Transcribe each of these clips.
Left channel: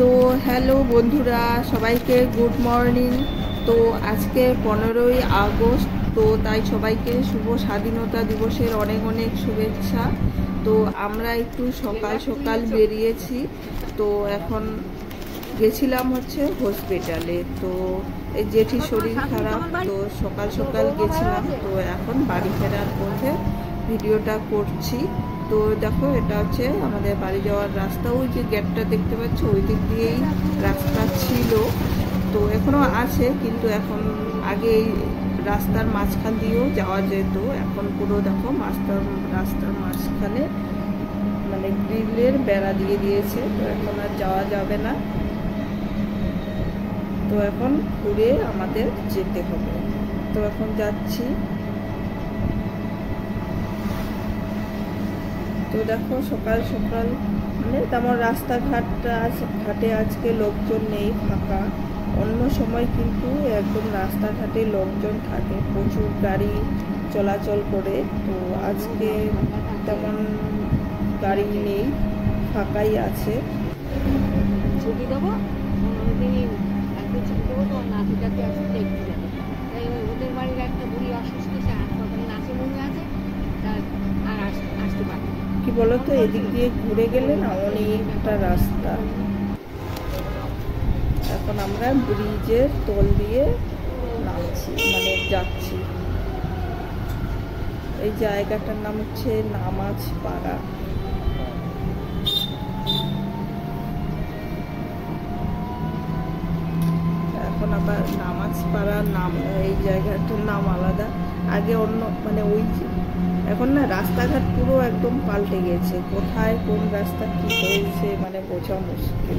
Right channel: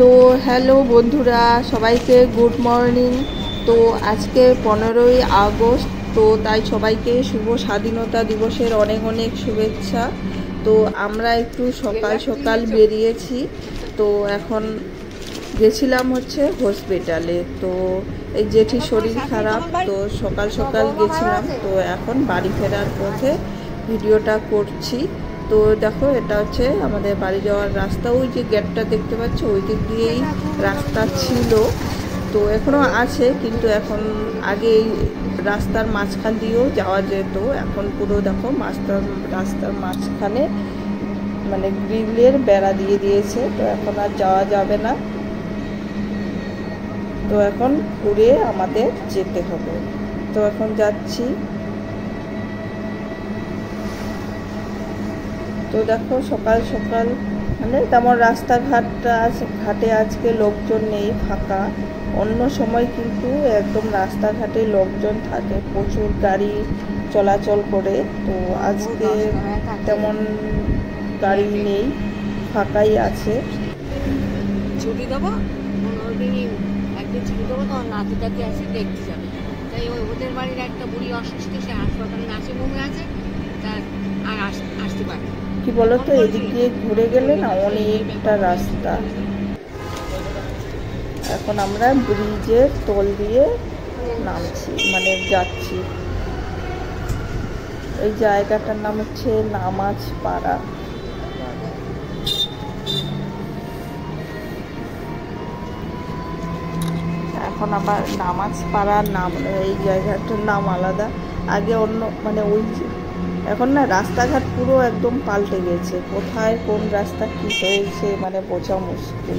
তো হ্যালো বন্ধুরা, সবাইকে গুড মর্নিং। তো আজকে 15ই আগস্ট, তো তাই সবাইকে শুভ স্বাধীনতা দিবসের অনেক অনেক শুভেচ্ছা। তো আমরা একটু সকাল সকাল বেরিয়েছি। তো এখন গেছিলাম হচ্ছে হসপিটালে। তো এই জেঠির শরীর খারাপ, তো সকাল সকাল গেছিলাম। তো এখন বাড়ি ফেরার পথে ভিডিওটা করছি। তো দেখো, এটা হচ্ছে আমাদের বাড়ি যাওয়ার রাস্তা। ওই যে গেটটা দেখতে পাচ্ছ, ওই দিক দিয়েই রাস্তা ছিল, তো এখনও আছে, কিন্তু এখন আগে এই রাস্তার মাঝখান দিয়েও যাওয়া যেত। এখন পুরো দেখো রাস্তার মাঝখানে মানে গ্রিলের বেড়া দিয়ে দিয়েছে, তো এখন আর যাওয়া যাবে না। তো এখন ঘুরে আমাদের যেতে হবে। তো এখন যাচ্ছি। তো দেখো, সকাল সকাল মানে তেমন ঘাটে আজকে লোকজন নেই, ফাঁকা। অন্য সময় কিন্তু একদম রাস্তাঘাটে লোকজন থাকে, প্রচুর গাড়ি চলাচল করে। তো আজকে তেমন গাড়ি নেই, ফাঁকাই আছে। ছুটি দেবো, একদিন ছুটি দেবো, তোমার নাতি টাতি আসে দেখতে যাবে। তাই ওদের বাড়ির একটা বুড়ি অসুস্থ, সে হাসপাতালে নাচে বমি আছে, তার আর আসতে পারে। কি বলতো, এদিক দিয়ে ঘুরে গেলে না অনেকটা রাস্তা। এখন আমরা ব্রিজের তল দিয়ে নামছি, মানে যাচ্ছি। এই জায়গাটার নাম হচ্ছে নামাজ পাড়া। এখন আবার নামাজ পাড়ার নাম, এই জায়গাটার নাম আলাদা। আগে অন্য মানে ওই যে এখন না রাস্তাঘাট পুরো একদম পাল্টে গেছে। কোথায় কোন রাস্তা কি হয়েছে মানে বোঝা মুশকিল।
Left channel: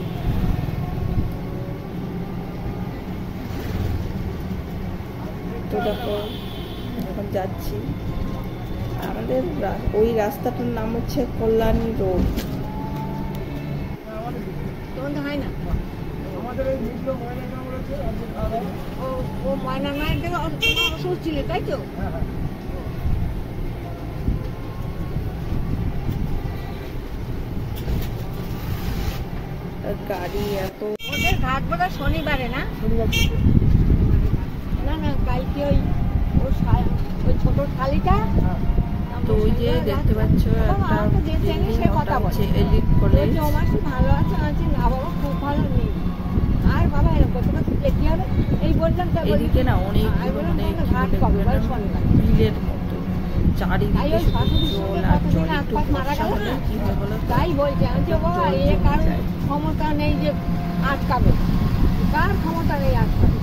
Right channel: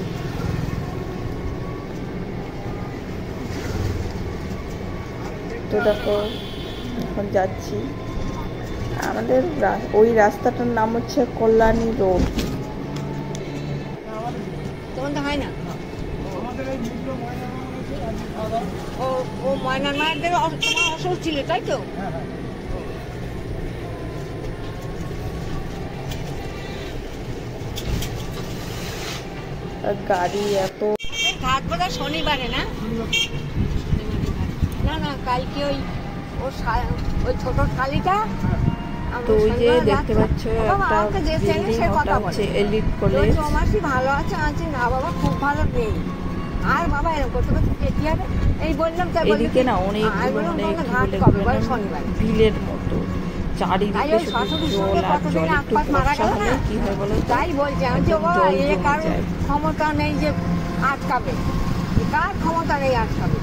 তো দেখো, এখন যাচ্ছি। আমাদের ওই রাস্তাটার নাম হচ্ছে কল্যাণী রোড। তোমাদের হয় না? ও ময়নার মায়ের তোমার অসুখ ছিল, তাই তো? গাড়ি এত। ওদের ঘাট বোধহয় শনিবারে না? না না, কালকে ওই ছোট শালিটা। তো ওই যে দেখতে পাচ্ছ একটা বিল্ডিং, ওটা হচ্ছে এলিট কলেজ। মাসি ভালো আছে? আছে না বাবা, খুব ভালো নেই। আর বাবা এরকম করতে করতে দেখতে হবে। এই বললাম তাই এদিকে না অনেকগুলো মানে কি বলে বিলের মতো চারিদিকে শুধু জল আর জল। একটু বর্ষা হলে কি হয় বলো? তাই বলছে কার ক্ষমতা নেই যে আটকাবে, কার ক্ষমতা নেই আটকাবে।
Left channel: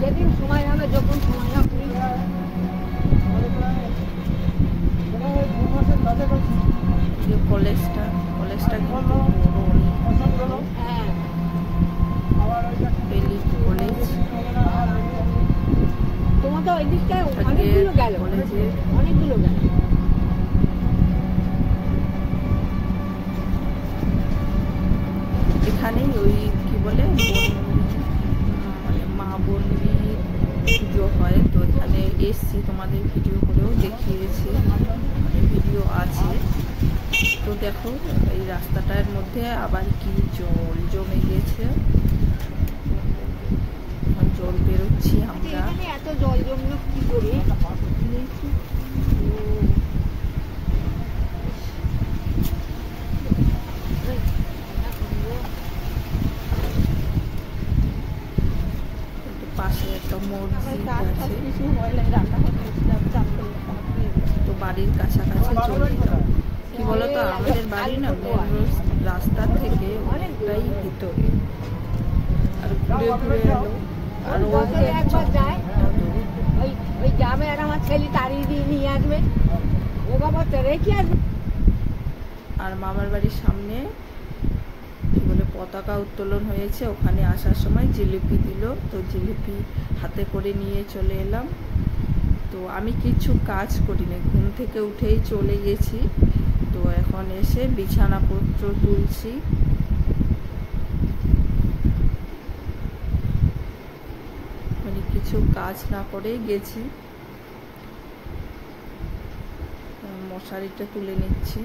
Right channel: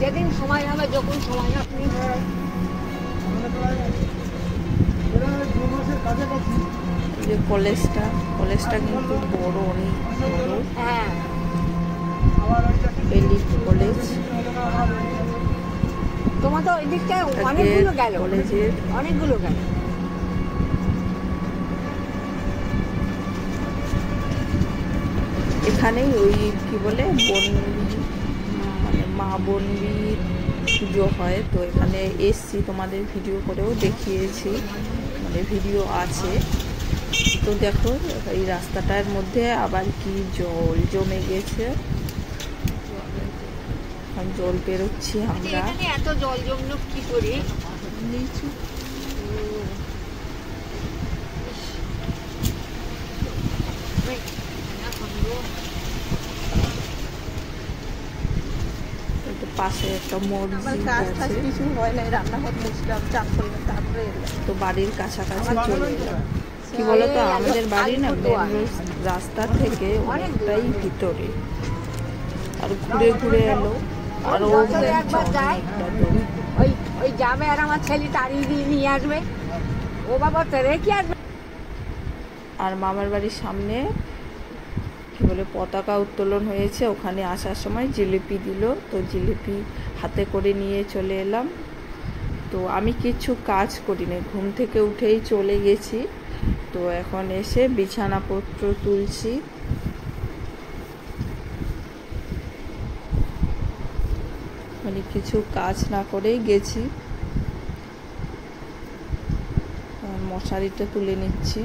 যেদিন সময় হবে, যখন সময় না এই যে কলেজটা কিন্তু বড়, অনেক বড়। হ্যাঁ, এলিট কলেজ। তোমার তো ওই দিকটায় অনেকগুলো গেল, কলেজের অনেকগুলো গেল। এখানেই ওই কি বলে বনবি, মানে মা বনবির পুজো হয়। তো এখানে এসছি, তোমাদের ভিডিও করেও দেখিয়েছি, মানে ভিডিও আছে। তো দেখো, এই রাস্তাটার মধ্যে আবার কি জল জমে গেছে। এখন জল বেরোচ্ছি আমরা। এত জল জমলো কি করে? পাশে একটা মসজিদ আছে। কিছু হয় না, রান্নাঘর মুছলাম, চান করলাম, তারপরে তো বাড়ির কাছাকাছি চলে এলাম। কি বলতো, আমাদের বাড়ি না মেন রাস্তা থেকে অনেকটাই ভিতরে, আর ঘুরে ঘুরে এলো আরো ওই যাবে, আর আমার ছেলে তাড়িয়ে দিয়ে নিয়ে আসবে। ও বাবা, তো রেখে আসবে। আর মামার বাড়ির সামনে কি বলে পতাকা উত্তোলন হয়েছে, ওখানে আসার সময় জিলিপি দিল। তো জিলিপি হাতে করে নিয়ে চলে এলাম। তো আমি কিছু কাজ করি না, ঘুম থেকে উঠেই চলে গেছি। তো এখন এসে বিছানাপত্র তুলছি। মানে কিছু কাজ না করেই গেছি। মশারিটা তুলে নিচ্ছি।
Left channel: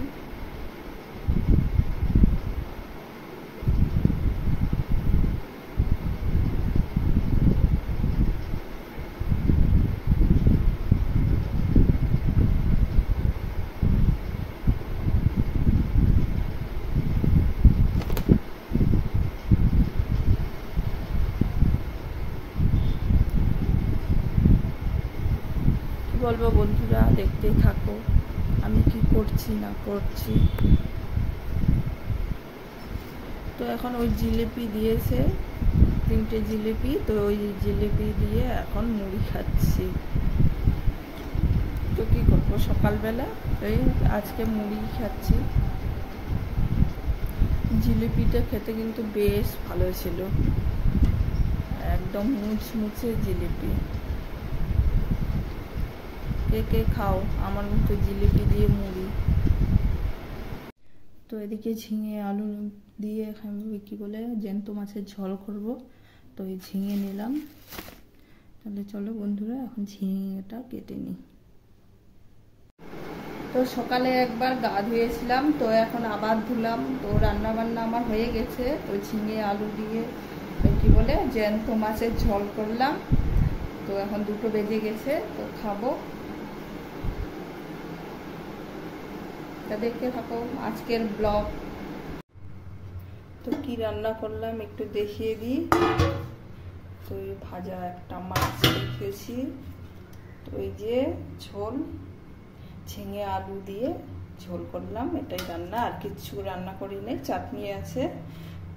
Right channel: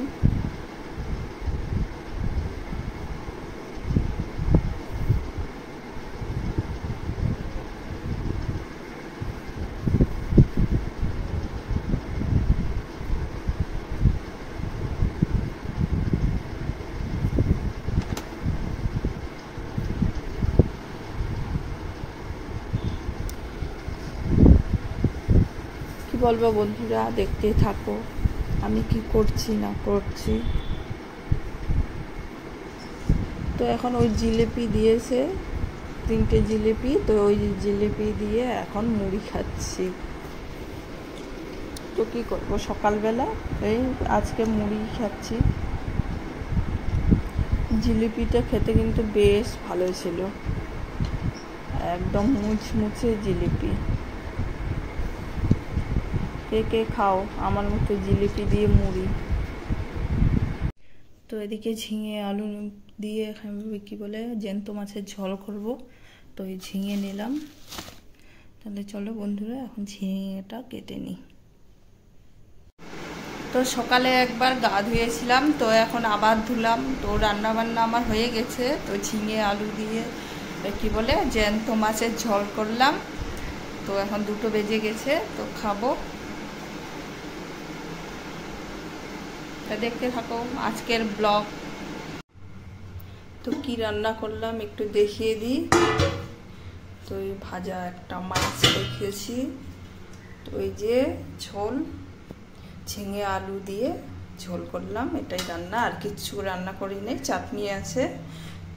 বলবো বন্ধুরা, দেখতে থাকো আমি কি করছি না করছি। তো এখন ওই জিলিপি দিয়েছে, 3টে জিলিপি, তো ওই জিলিপি দিয়ে এখন মুড়ি খাচ্ছি। তো কি করবো, সকালবেলা এই আজকে মুড়ি খাচ্ছি। জিলিপিটা খেতে কিন্তু বেশ ভালো ছিল, একদম মুচমুচে জিলিপি। কে কে খাও আমার মতো জিলিপি দিয়ে মুড়ি? তো এদিকে ঝিঙে আলু দিয়ে কি বলে জ্যান্ত মাছের ঝোল করব। তো এই ঝিঙে নিলাম। তাহলে চলো বন্ধুরা এখন ঝিঙেটা কেটে নিই। তো সকালে একবার গা ধুয়েছিলাম, তো এখন আবার ধুলাম। তো রান্না বান্না আমার হয়ে গেছে। তো ঝিঙে আলু দিয়ে কি বলে জ্যান্ত মাছের ঝোল করলাম। তো এখন 2টো বেজে গেছে, তো খাবো। তা দেখতে থাকো আজকের ব্লগ। তো কি রান্না করলাম একটু দেখিয়ে দিই। তো এই ভাজা একটা মাছ রেখেছি। তো এই যে ঝোল, ঝিঙে আলু দিয়ে ঝোল করলাম, এটাই রান্না, আর কিছু রান্না করি নাই। চাটনি আছে,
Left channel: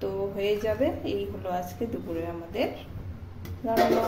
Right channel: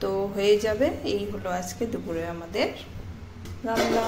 তো হয়ে যাবে। এই হলো আজকে দুপুরে আমাদের রান্না।